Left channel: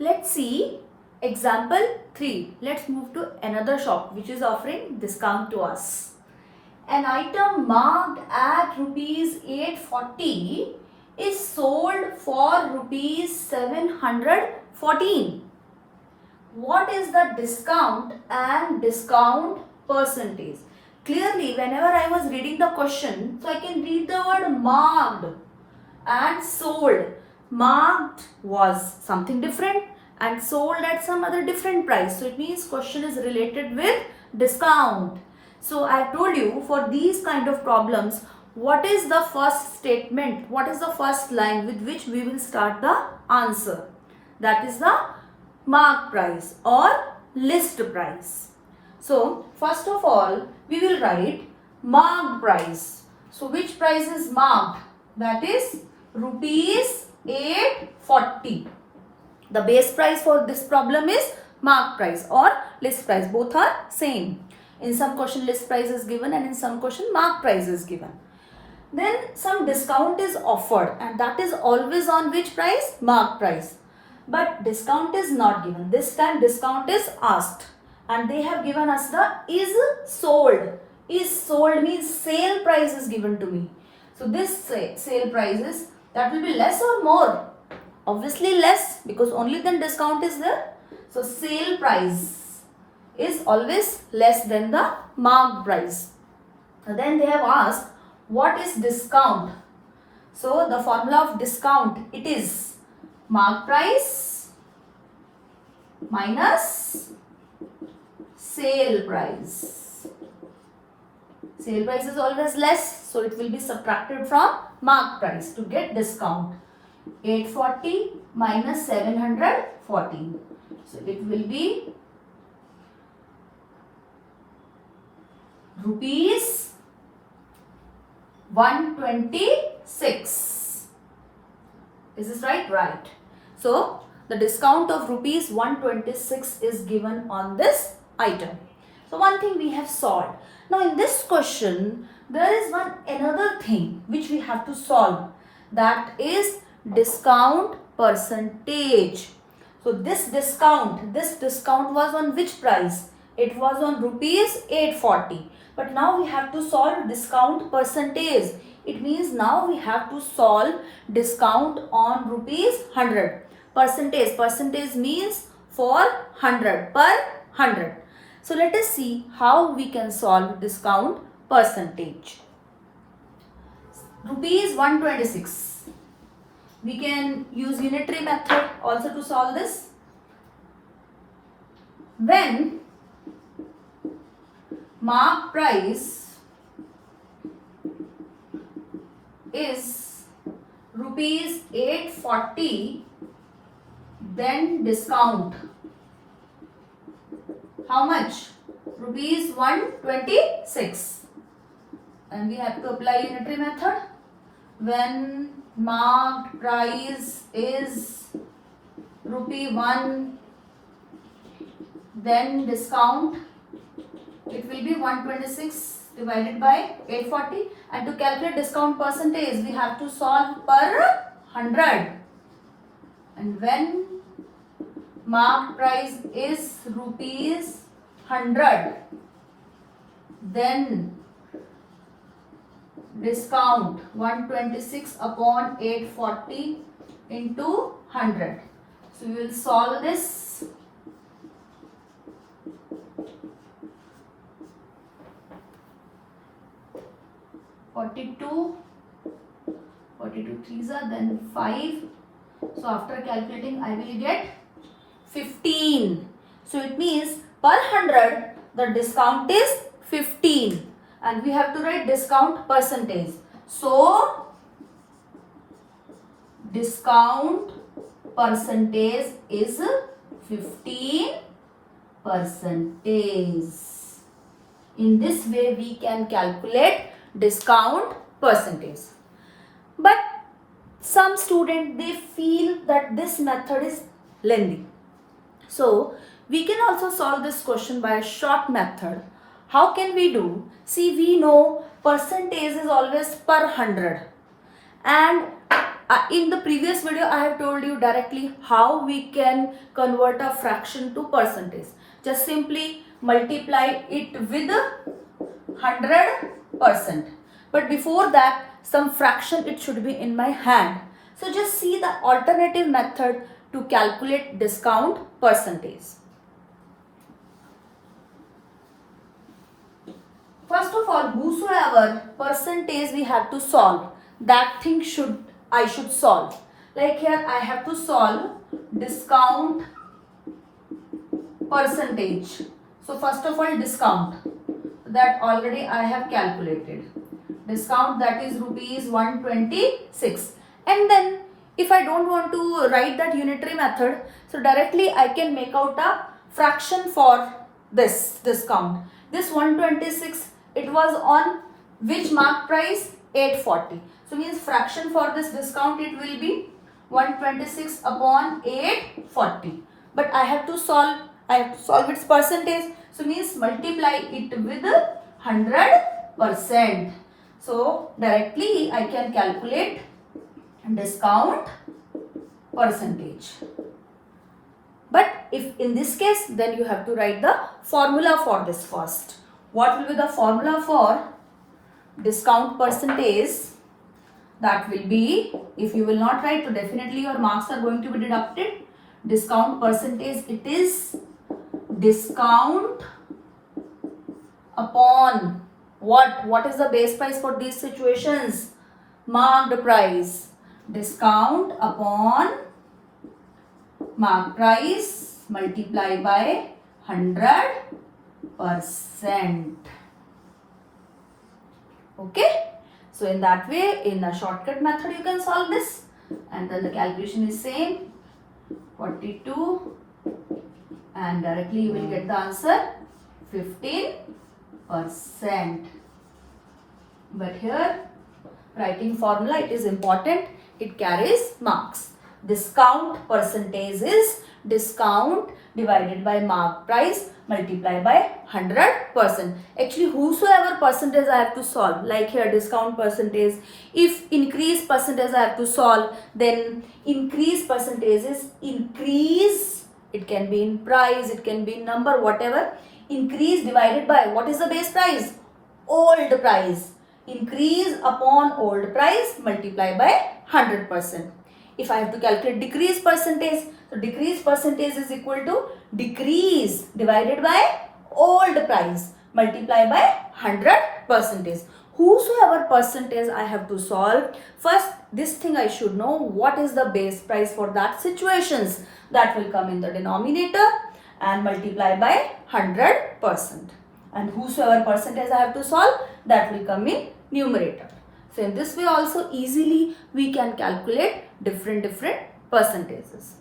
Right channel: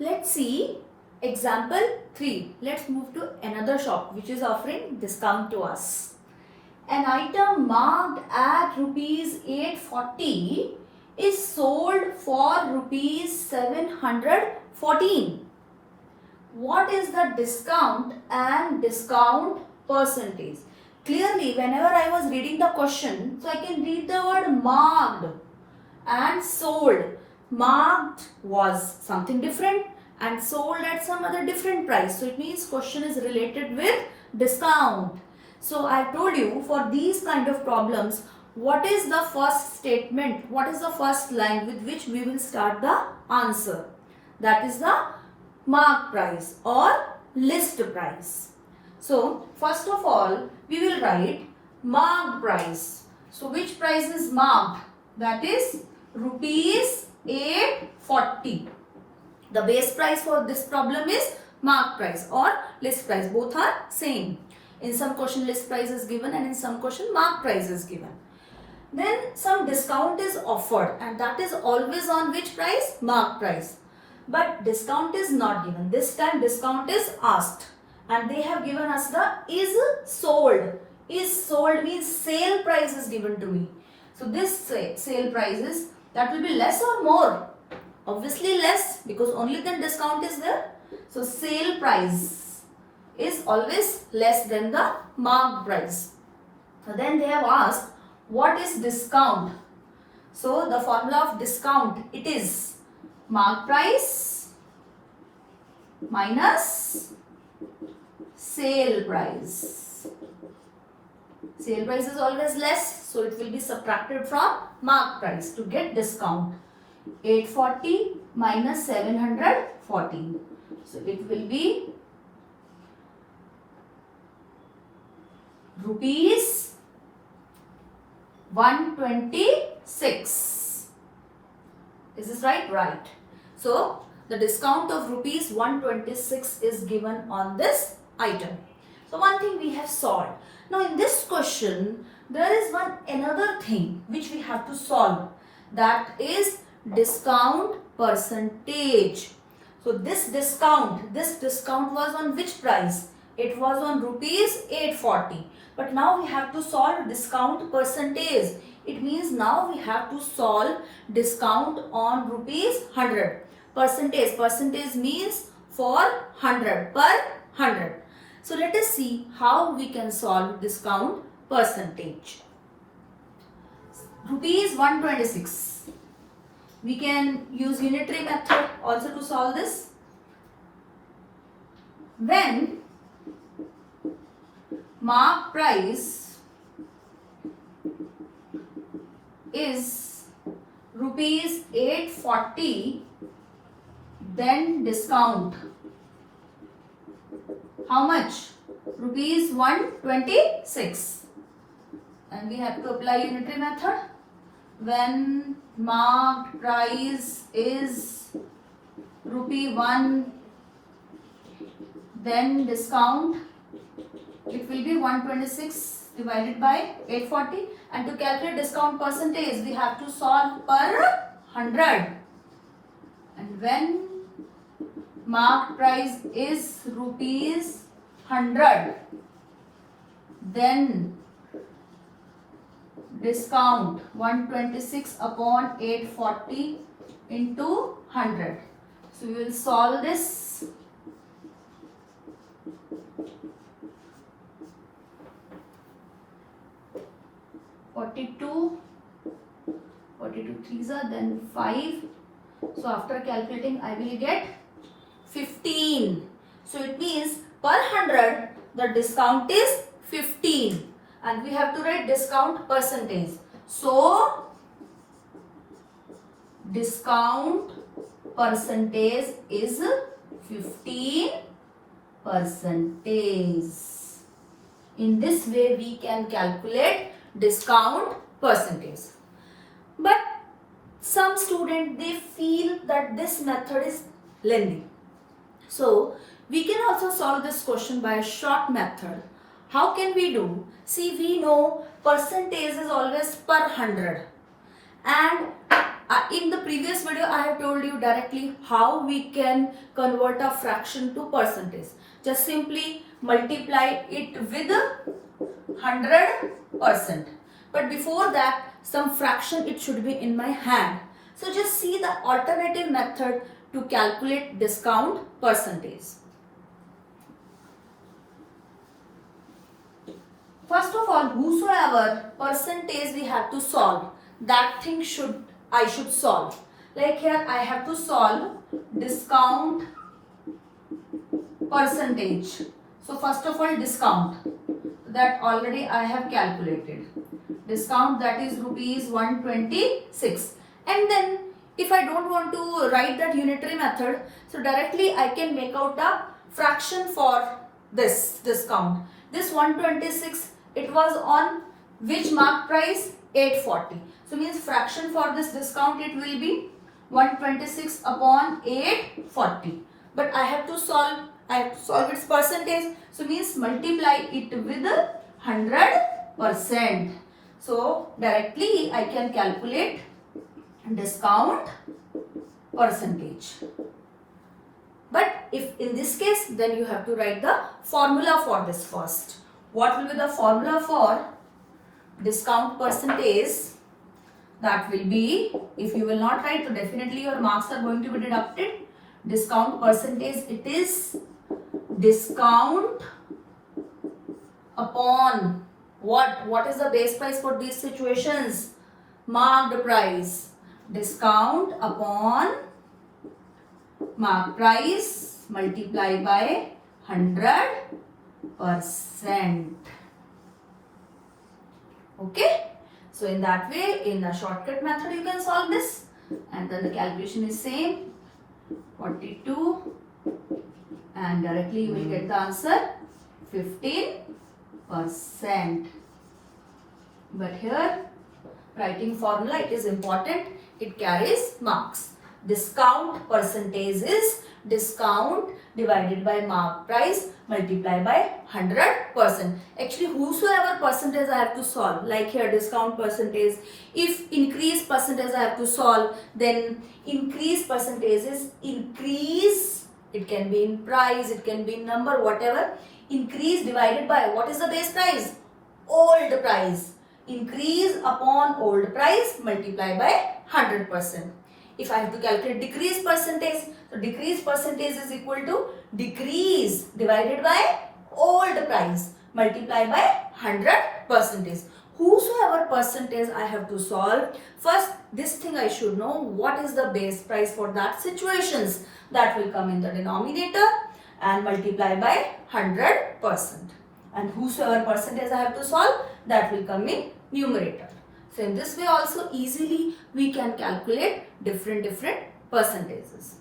Let's see example 3. Let's move to another shop which is offering discount to us. An item marked at rupees 840 is sold for rupees 714. What is the discount and discount percentage? Clearly, whenever I was reading the question, so I can read the word marked and sold. Marked was something different and sold at some other different price. So it means question is related with discount. So I have told you for these kind of problems, what is the first statement, what is the first line with which we will start the answer? That is the mark price or list price. So first of all, we will write marked price. So which price is marked? That is rupees 840. The base price for this problem is mark price or list price. Both are same. In some question list price is given and in some question mark price is given. Then some discount is offered and that is always on which price? Mark price. But discount is not given. This time discount is asked and they have given us the is sold. Is sold means sale price is given to me. So this sale price is, that will be less or more? Obviously less, because only then discount is there. So sale price is always less than the marked price. Then they have asked what is discount. So the formula of discount, it is mark price minus sale price. Sale price is always less, so it will be subtracted from mark price to get discount. 840 minus 714. So it will be rupees 126. Is this right? Right. So the discount of rupees 126 is given on this item. So one thing we have solved. Now in this question, there is another thing which we have to solve. That is discount percentage. So this discount was on which price? It was on rupees 840. But now we have to solve discount percentage. It means now we have to solve discount on rupees 100. Percentage means for 100, per 100. So let us see how we can solve discount percentage. Rupees 126. We can use unitary method also to solve this. When mark price is rupees 840, then discount how much? Rupees 126. And we have to apply unitary method. When marked price is rupee 1, then discount, it will be 126 divided by 840. And to calculate discount percentage, we have to solve per 100. And when marked price is rupees 100, then discount 126 upon 840 into 100. So we will solve this. Forty-two threes are then 5. So after calculating, I will get 15. So it means per 100 the discount is 15. And we have to write discount percentage. So discount percentage is 15%. In this way we can calculate discount percentage. But some students, they feel that this method is lengthy. So we can also solve this question by a short method. How can we do? See, we know percentage is always per 100 and In the previous video, I have told you directly how we can convert a fraction to percentage. Just simply multiply it with 100%. But before that, some fraction it should be in my hand. So just see the alternative method to calculate discount percentage. First of all, whosoever percentage we have to solve, that thing I should solve. Like here I have to solve discount percentage. So first of all, discount that already I have calculated. Discount, that is rupees 126. And then if I don't want to write that unitary method, so directly I can make out a fraction for this discount. This 126, it was on which mark price? 840. So means fraction for this discount, it will be 126 upon 840. But I have to solve its percentage. So means multiply it with 100%. So directly I can calculate discount percentage. But if in this case, then you have to write the formula for this first. What will be the formula for discount percentage? That will be, if you will not write, so definitely your marks are going to be deducted. Discount percentage, it is discount upon what? What is the base price for these situations? Marked price. Discount upon marked price multiplied by 100%. Okay. So in that way, in the shortcut method, you can solve this. And then the calculation is same. 42. And directly you will get the answer 15%. But here, writing formula, it is important. It carries marks. Discount percentage is discount divided by mark price multiplied by 100%. Actually, whosoever percentage I have to solve, like here discount percentage, if increase percentage I have to solve, then increase percentage is increase, it can be in price, it can be in number, whatever. Increase divided by, what is the base price? Old price. Increase upon old price multiplied by 100%. If I have to calculate decrease percentage, so decrease percentage is equal to decrease divided by old price multiplied by 100%. Whosoever percentage I have to solve, first this thing I should know, what is the base price for that situations. That will come in the denominator and multiply by 100%. And whosoever percentage I have to solve, that will come in numerator. So in this way also easily we can calculate different percentages.